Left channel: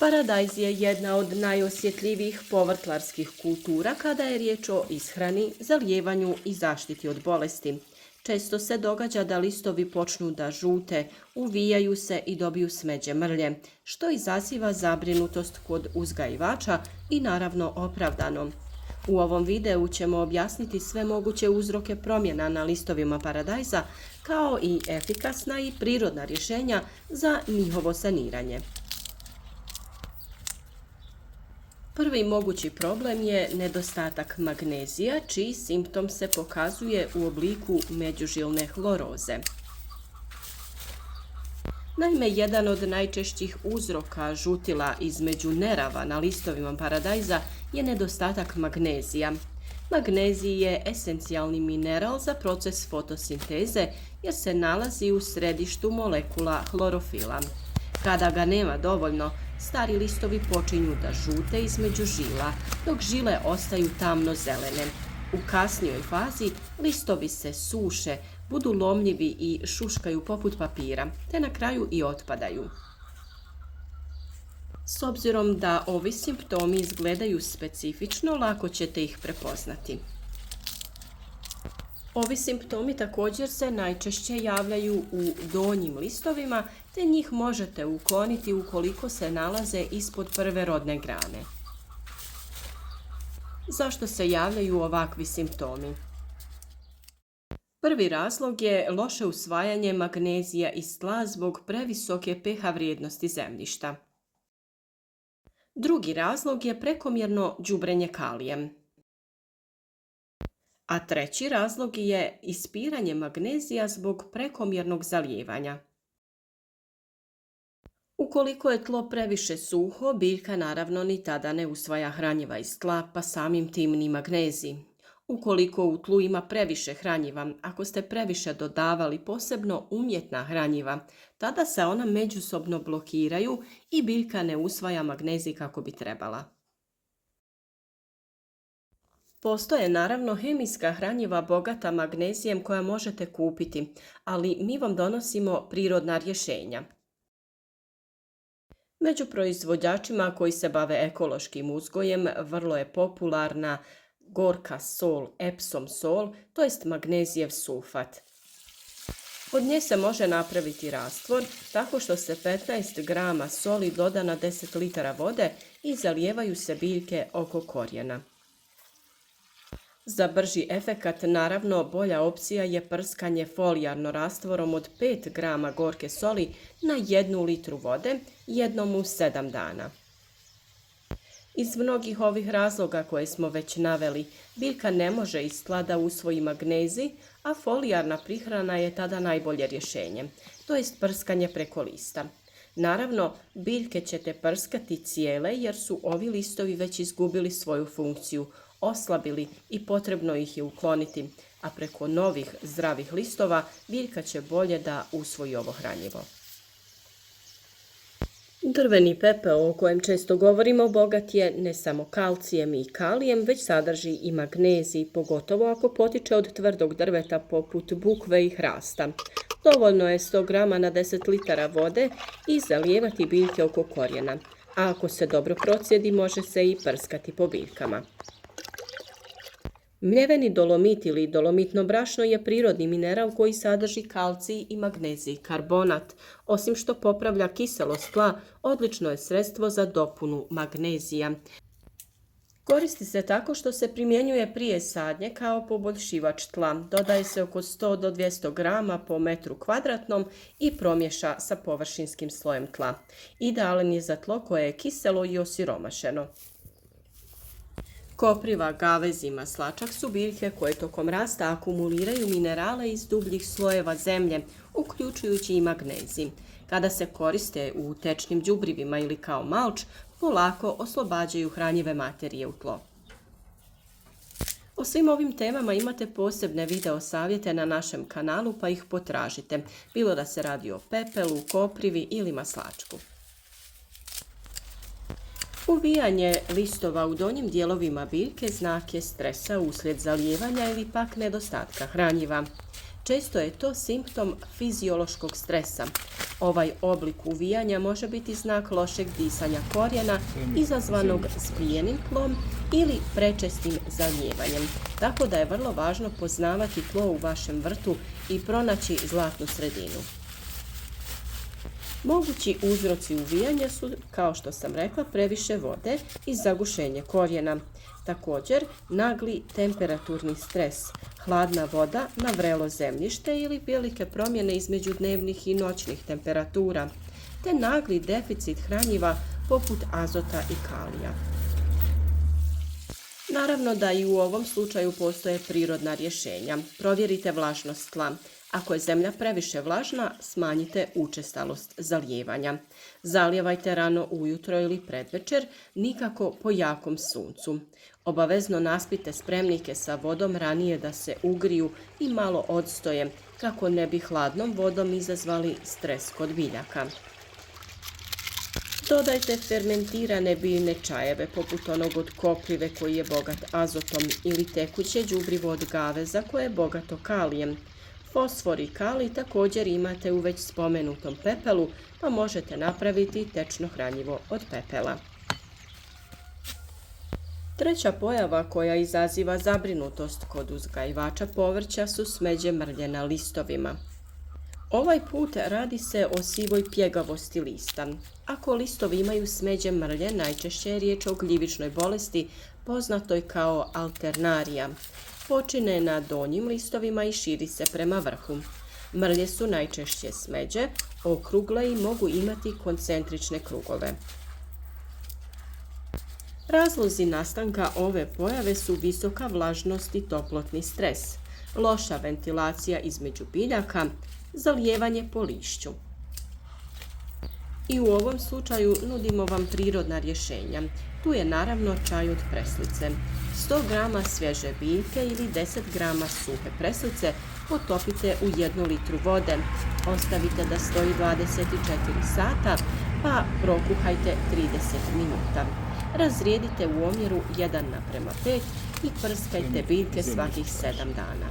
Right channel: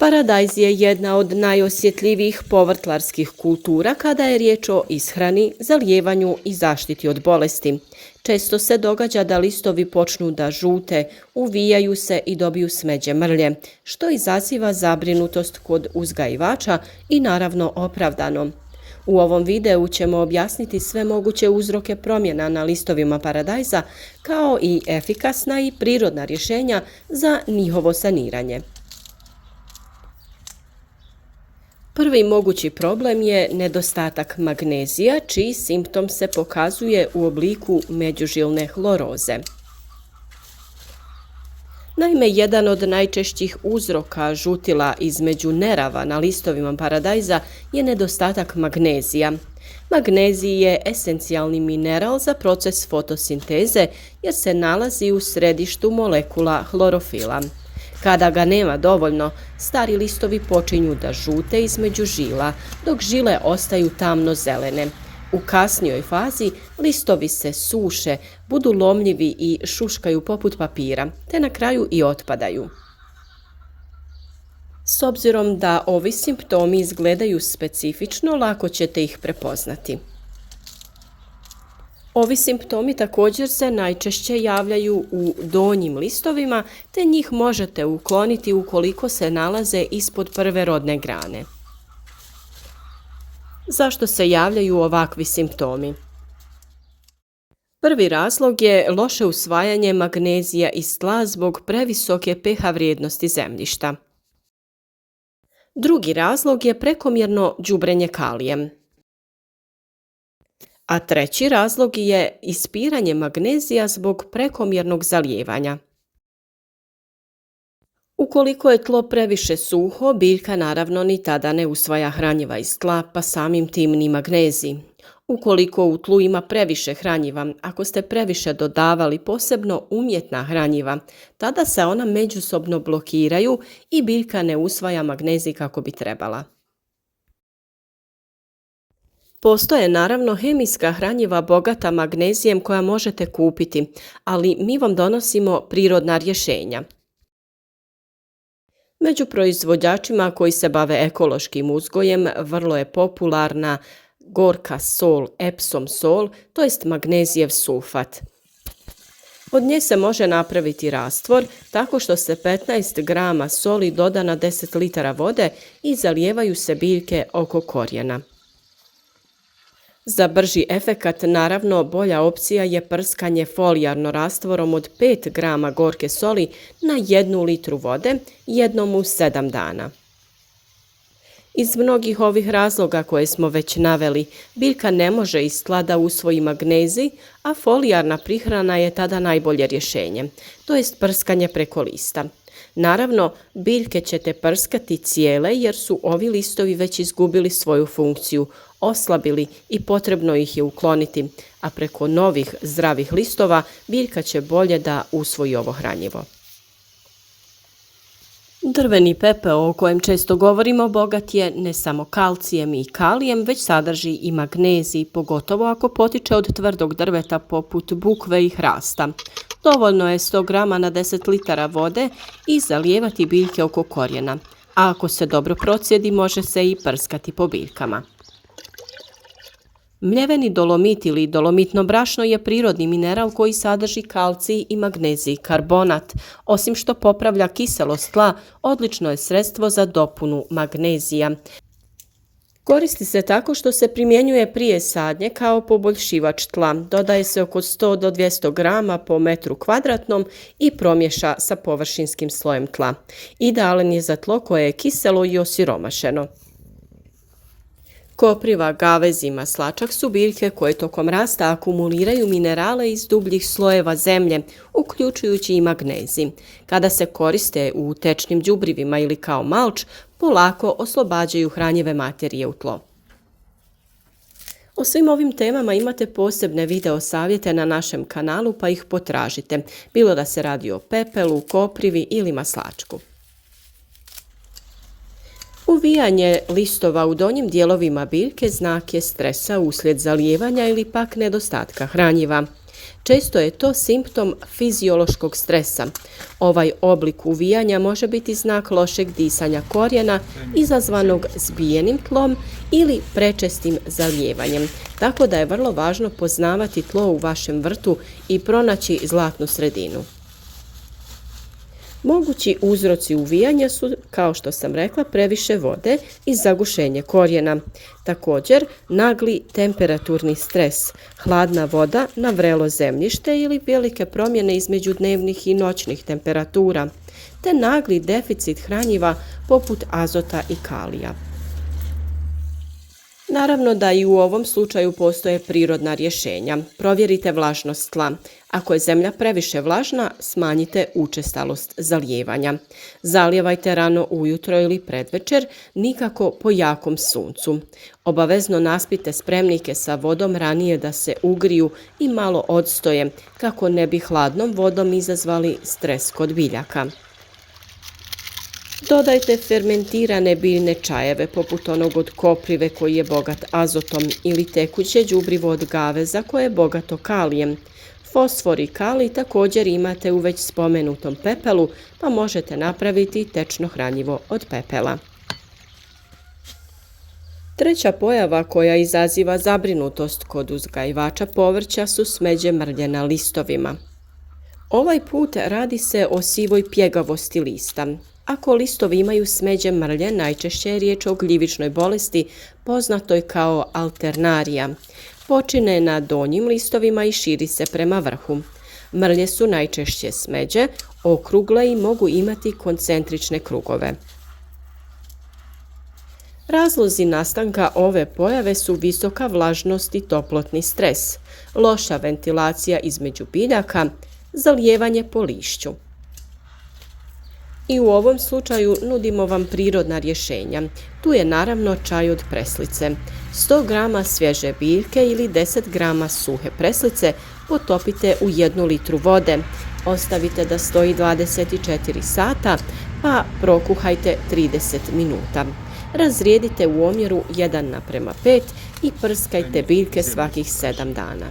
Paradajz je jedna od najosjetljivijih povrtlarskih kultura kada je riječ o ishrani, zalijevanju i zaštiti od bolesti. Često se događa da listovi počnu da žute, uvijaju se i dobiju smeđe mrlje, što izaziva zabrinutost kod uzgajivača i naravno opravdano. U ovom videu ćemo objasniti sve moguće uzroke promjena na listovima paradajza, kao i efikasna i prirodna rješenja za njihovo saniranje. Prvi mogući problem je nedostatak magnezija, čiji simptom se pokazuje u obliku međužilne hloroze. Naime, jedan od najčešćih uzroka žutila između nerava na listovima paradajza je nedostatak magnezija. Magnezij je esencijalni mineral za proces fotosinteze jer se nalazi u središtu molekula hlorofila. Kada ga nema dovoljno, stari listovi počinju da žute između žila, dok žile ostaju tamno zelene. U kasnijoj fazi listovi se suše, budu lomljivi i šuškaju poput papira, te na kraju i otpadaju. S obzirom da ovi simptomi izgledaju specifično, lako ćete ih prepoznati. Ovi simptomi također se najčešće javljaju u donjim listovima, te njih možete ukloniti ukoliko se nalaze ispod prve rodne grane. Zašto se javljaju ovakvi simptomi? Prvi razlog je loše usvajanje magnezija iz tla zbog previsoke pH vrijednosti zemljišta. Drugi razlog je prekomjerno đubrenje kalijem. A treći razlog je ispiranje magnezija zbog prekomjernog zalijevanja. Ukoliko je tlo previše suho, biljka naravno ni tada ne usvaja hranjiva iz tla, pa samim tim ni magnezij. Ukoliko u tlu ima previše hranjiva, ako ste previše dodavali posebno umjetna hranjiva, tada se ona međusobno blokiraju i biljka ne usvaja magnezij kako bi trebala. Postoje naravno hemijska hranjiva bogata magnezijem koja možete kupiti, ali mi vam donosimo prirodna rješenja. Među proizvođačima koji se bave ekološkim uzgojem vrlo je popularna gorka sol, Epsom sol, to jest magnezijev sulfat. Od nje se može napraviti rastvor tako što se 15 grama soli doda na 10 litara vode i zalijevaju se biljke oko korijena. Za brži efekat, naravno, bolja opcija je prskanje folijarno rastvorom od 5 grama gorke soli na 1 litru vode jednom u 7 dana. Iz mnogih ovih razloga koje smo već naveli, biljka ne može iz tla da usvoji magnezij, a folijarna prihrana je tada najbolje rješenje, to jest prskanje preko lista. Naravno, biljke ćete prskati cijele jer su ovi listovi već izgubili svoju funkciju, oslabili i potrebno ih je ukloniti, a preko novih zdravih listova biljka će bolje da usvoji ovo hranjivo. Drveni pepeo o kojem često govorimo bogat je ne samo kalcijem i kalijem, već sadrži i magnezij, pogotovo ako potiče od tvrdog drveta poput bukve i hrasta. Dovoljno je 100 grama na 10 litara vode i zalijevati biljke oko korijena, a ako se dobro procijedi može se i prskati po biljkama. Mljeveni dolomit ili dolomitno brašno je prirodni mineral koji sadrži kalcij i magnezij karbonat. Osim što popravlja kiselost tla, odlično je sredstvo za dopunu magnezija. Koristi se tako što se primjenjuje prije sadnje kao poboljšivač tla. Dodaje se oko 100 do 200 grama po metru kvadratnom i promješa sa površinskim slojem tla. Idealan je za tlo koje je kiselo i osiromašeno. Kopriva, gavez i maslačak su biljke koje tokom rasta akumuliraju minerale iz dubljih slojeva zemlje, uključujući i magnezij. Kada se koriste u tečnim đubrivima ili kao malč, polako oslobađaju hranjive materije u tlo. O svim ovim temama imate posebne video savjete na našem kanalu, pa ih potražite, bilo da se radi o pepelu, koprivi ili maslačku. Uvijanje listova u donjim dijelovima biljke znak je stresa uslijed zalijevanja ili pak nedostatka hranjiva. Često je to simptom fiziološkog stresa. Ovaj oblik uvijanja može biti znak lošeg disanja korijena izazvanog zbijenim tlom ili prečestim zalijevanjem. Tako da je vrlo važno poznavati tlo u vašem vrtu i pronaći zlatnu sredinu. Mogući uzroci uvijanja su, kao što sam rekla, previše vode i zagušenje korijena. Također, nagli temperaturni stres, hladna voda na vrelo zemljište ili velike promjene između dnevnih i noćnih temperatura, te nagli deficit hranjiva poput azota i kalija. Naravno da i u ovom slučaju postoje prirodna rješenja. Provjerite vlažnost tla. Ako je zemlja previše vlažna, smanjite učestalost zalijevanja. Zalijevajte rano ujutro ili predvečer, nikako po jakom suncu. Obavezno naspite spremnike sa vodom ranije da se ugriju i malo odstoje, kako ne bi hladnom vodom izazvali stres kod biljaka. Dodajte fermentirane biljne čajeve poput onog od koprive koji je bogat azotom ili tekuće đubrivo od gaveza koje je bogato kalijem. Fosfor i kalij također imate u već spomenutom pepelu, pa možete napraviti tečno hranjivo od pepela. Treća pojava koja izaziva zabrinutost kod uzgajivača povrća su smeđe mrlje na listovima. Ovaj put radi se o sivoj pjegavosti lista. Ako listovi imaju smeđe mrlje, najčešće je riječ o gljivičnoj bolesti poznatoj kao alternarija. Počine na donjim listovima i širi se prema vrhu. Mrlje su najčešće smeđe, okrugle i mogu imati koncentrične krugove. Razlozi nastanka ove pojave su visoka vlažnost i toplotni stres, loša ventilacija između biljaka, zalijevanje po lišću. I u ovom slučaju nudimo vam prirodna rješenja. Tu je naravno čaj od preslice. 100 g svježe biljke ili 10 g suhe preslice potopite u 1 litru vode. Ostavite da stoji 24 sata, pa prokuhajte 30 minuta. Razrijedite u omjeru 1:5 i prskajte biljke svakih 7 dana.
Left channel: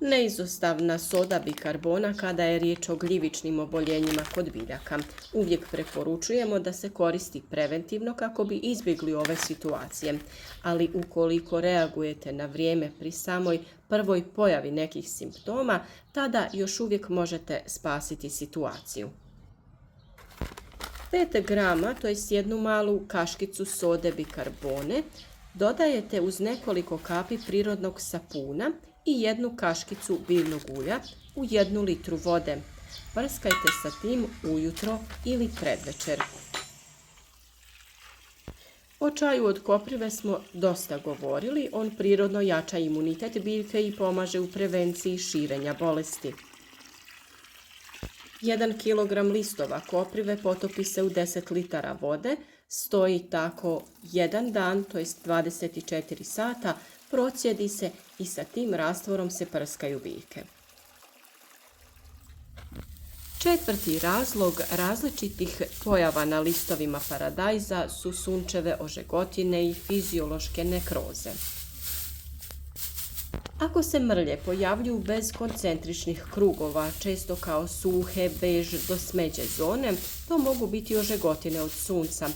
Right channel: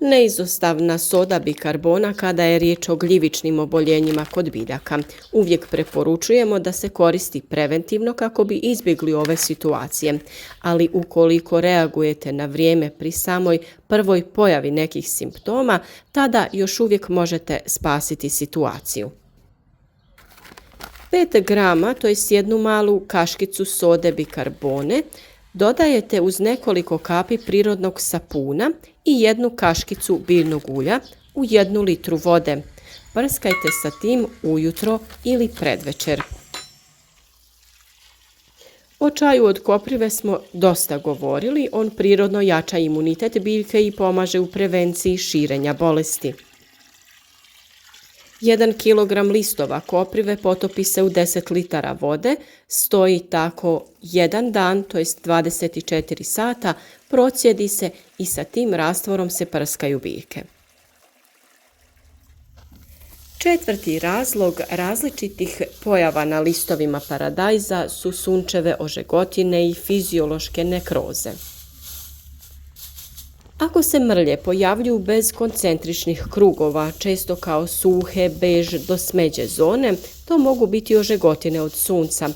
Neizostavna soda bikarbona kada je riječ o gljivičnim oboljenjima kod biljaka. Uvijek preporučujemo da se koristi preventivno kako bi izbjegli ove situacije, ali ukoliko reagujete na vrijeme pri samoj prvoj pojavi nekih simptoma, tada još uvijek možete spasiti situaciju. 5 grama, to je 1 malu kaškicu sode bikarbone, dodajete uz nekoliko kapi prirodnog sapuna i 1 kaškicu biljnog ulja u 1 litru vode. Prskajte sa tim ujutro ili predvečer. O čaju od koprive smo dosta govorili. On prirodno jača imunitet biljke i pomaže u prevenciji širenja bolesti. 1 kg listova koprive potopi se u 10 litara vode, stoji tako 1 dan, to jest 24 sata, procijedi se i sa tim rastvorom se prskaju biljke. Četvrti razlog različitih pojava na listovima paradajza su sunčeve ožegotine i fiziološke nekroze. Ako se mrlje pojavljuju bez koncentričnih krugova, često kao suhe, bež do smeđe zone, to mogu biti ožegotine od sunca,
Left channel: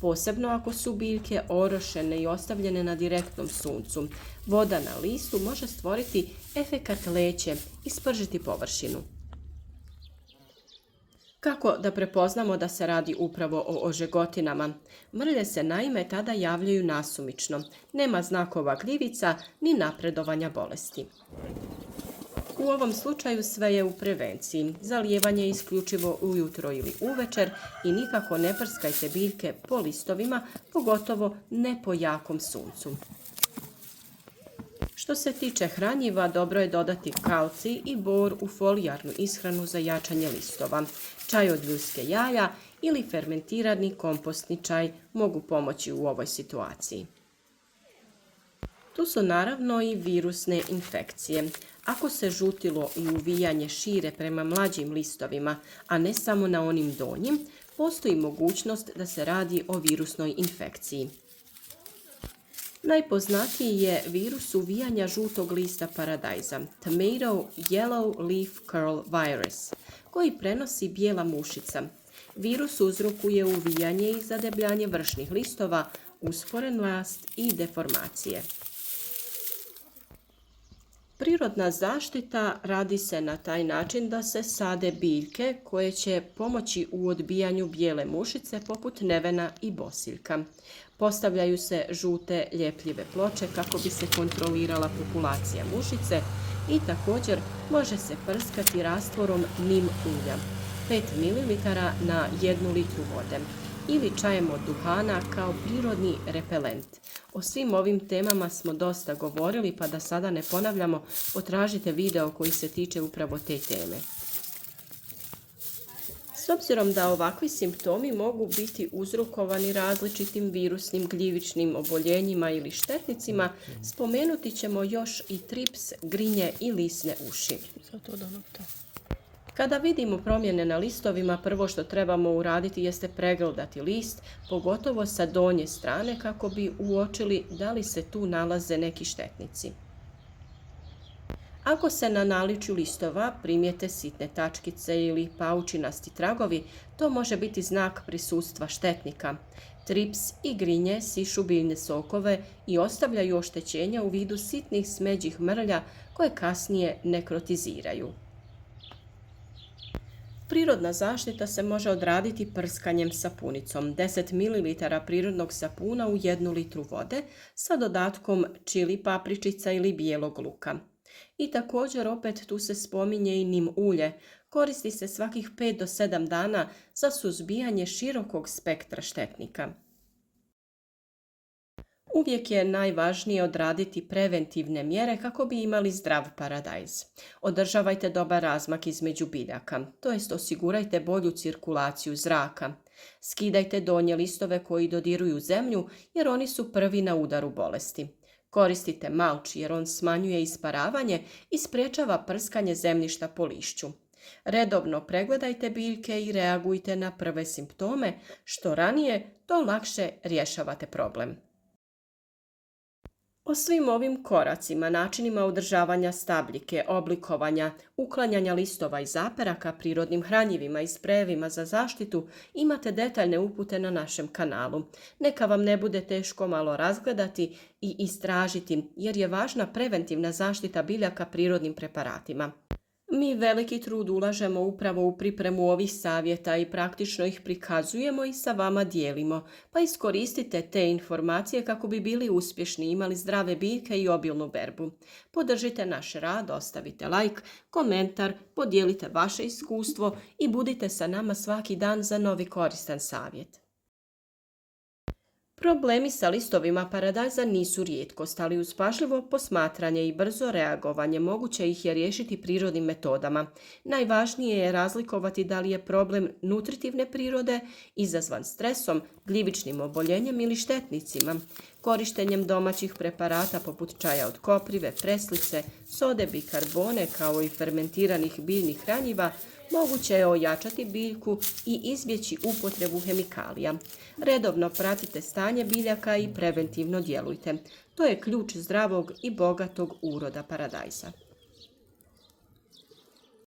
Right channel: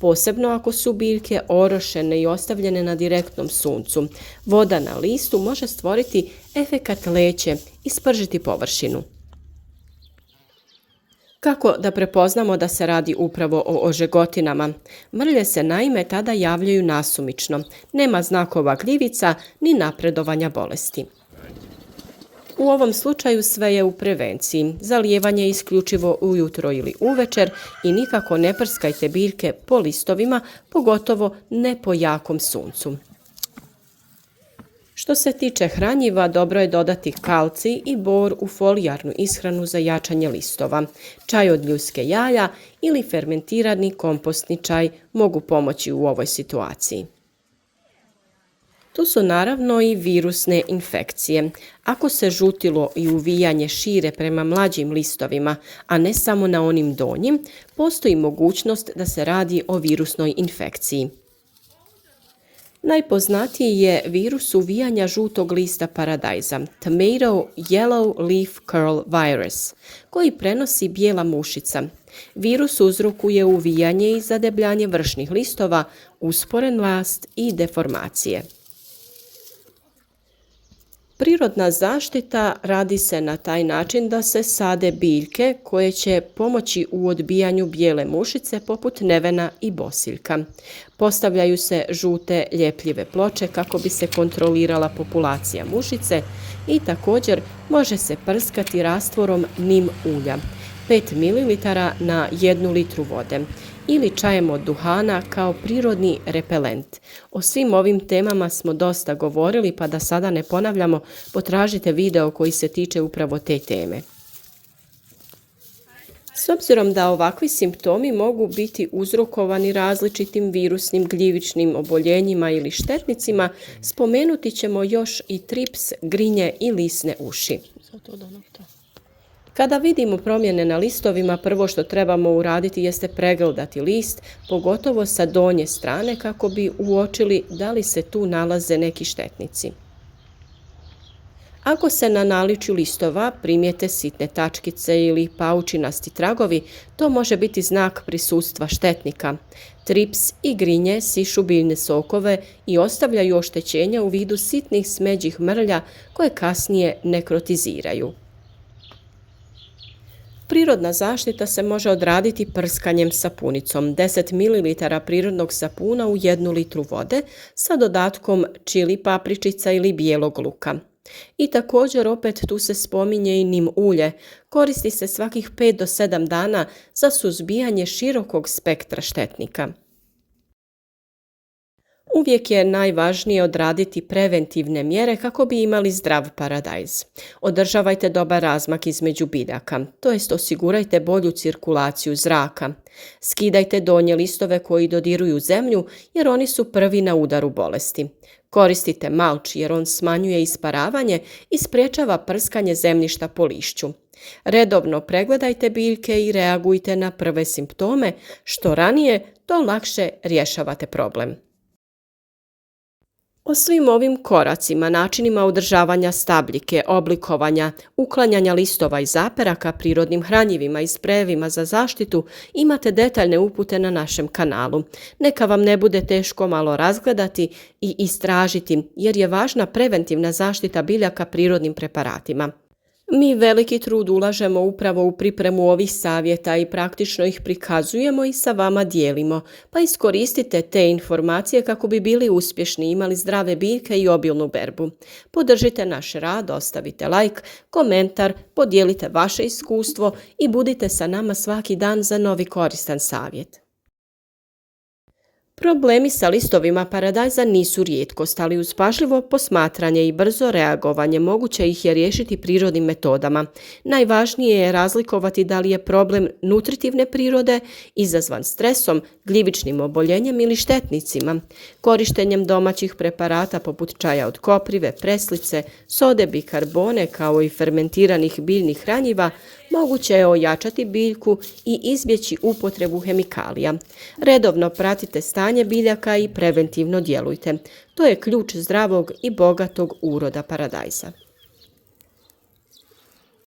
posebno ako su biljke orošene i ostavljene na direktnom suncu. Voda na listu može stvoriti efekat leće i spržiti površinu. Kako da prepoznamo da se radi upravo o ožegotinama? Mrlje se naime tada javljaju nasumično. Nema znakova gljivica ni napredovanja bolesti. U ovom slučaju sve je u prevenciji. Zalijevanje je isključivo ujutro ili uvečer i nikako ne prskajte biljke po listovima, pogotovo ne po jakom suncu. Što se tiče hranjiva, dobro je dodati kalcij i bor u folijarnu ishranu za jačanje listova. Čaj od ljuske jaja ili fermentirani kompostni čaj mogu pomoći u ovoj situaciji. Tu su naravno i virusne infekcije. Ako se žutilo i uvijanje šire prema mlađim listovima, a ne samo na onim donjim, postoji mogućnost da se radi o virusnoj infekciji. Najpoznatiji je virus uvijanja žutog lista paradajza, Tomato Yellow Leaf Curl Virus, koji prenosi bijela mušica. Virus uzrokuje uvijanje i zadebljanje vršnih listova, usporen rast i deformacije. Prirodna zaštita radi se na taj način da se sade biljke koje će pomoći u odbijanju bijele mušice poput nevena i bosiljka. Postavljaju se žute ljepljive ploče kako bi se kontrolirala populacija mušice i također može se prskati rastvorom nim ulja, 5 ml na 1 litru vode, ili čajem od duhana kao prirodni repelent. O svim ovim temama smo dosta govorili, pa da sada ne ponavljamo, potražite video koji se tiče upravo te teme. S obzirom da ovakvi simptomi mogu biti uzrokovani različitim virusnim gljivičnim oboljenjima ili štetnicima, spomenuti ćemo još i trips, grinje i lisne uši. Kada vidimo promjene na listovima, prvo što trebamo uraditi jeste pregledati list, pogotovo sa donje strane kako bi uočili da li se tu nalaze neki štetnici. Ako se na naličju listova primijete sitne tačkice ili paučinasti tragovi, to može biti znak prisustva štetnika. Trips i grinje sišu biljne sokove i ostavljaju oštećenja u vidu sitnih smeđih mrlja koje kasnije nekrotiziraju. Prirodna zaštita se može odraditi prskanjem sapunicom, 10 ml prirodnog sapuna u 1 litru vode sa dodatkom čili papričica ili bijelog luka. I također opet tu se spominje i nim ulje, koristi se svakih 5 do 7 dana za suzbijanje širokog spektra štetnika. Uvijek je najvažnije odraditi preventivne mjere kako bi imali zdrav paradajz. Održavajte dobar razmak između biljaka, to jest osigurajte bolju cirkulaciju zraka. Skidajte donje listove koji dodiruju zemlju jer oni su prvi na udaru bolesti. Koristite malč jer on smanjuje isparavanje i sprječava prskanje zemljišta po lišću. Redovno pregledajte biljke i reagujte na prve simptome, što ranije, to lakše rješavate problem. O svim ovim koracima, načinima održavanja stabljike, oblikovanja, uklanjanja listova i zaperaka prirodnim hranjivima i sprejevima za zaštitu imate detaljne upute na našem kanalu. Neka vam ne bude teško malo razgledati i istražiti jer je važna preventivna zaštita biljaka prirodnim preparatima. Mi veliki trud ulažemo upravo u pripremu ovih savjeta i praktično ih prikazujemo i sa vama dijelimo, pa iskoristite te informacije kako bi bili uspješni, imali zdrave biljke i obilnu berbu. Podržite naš rad, ostavite like, komentar, podijelite vaše iskustvo i budite sa nama svaki dan za novi koristan savjet. Problemi sa listovima paradajza nisu rijetkost, ali uz pažljivo posmatranje i brzo reagovanje moguće ih je riješiti prirodnim metodama. Najvažnije je razlikovati da li je problem nutritivne prirode, izazvan stresom, gljivičnim oboljenjem ili štetnicima. Korištenjem domaćih preparata poput čaja od koprive, preslice, sode bikarbone kao i fermentiranih biljnih hranjiva moguće je ojačati biljku i izbjeći upotrebu hemikalija. Redovno pratite stanje biljaka i preventivno djelujte. To je ključ zdravog i bogatog uroda paradajza.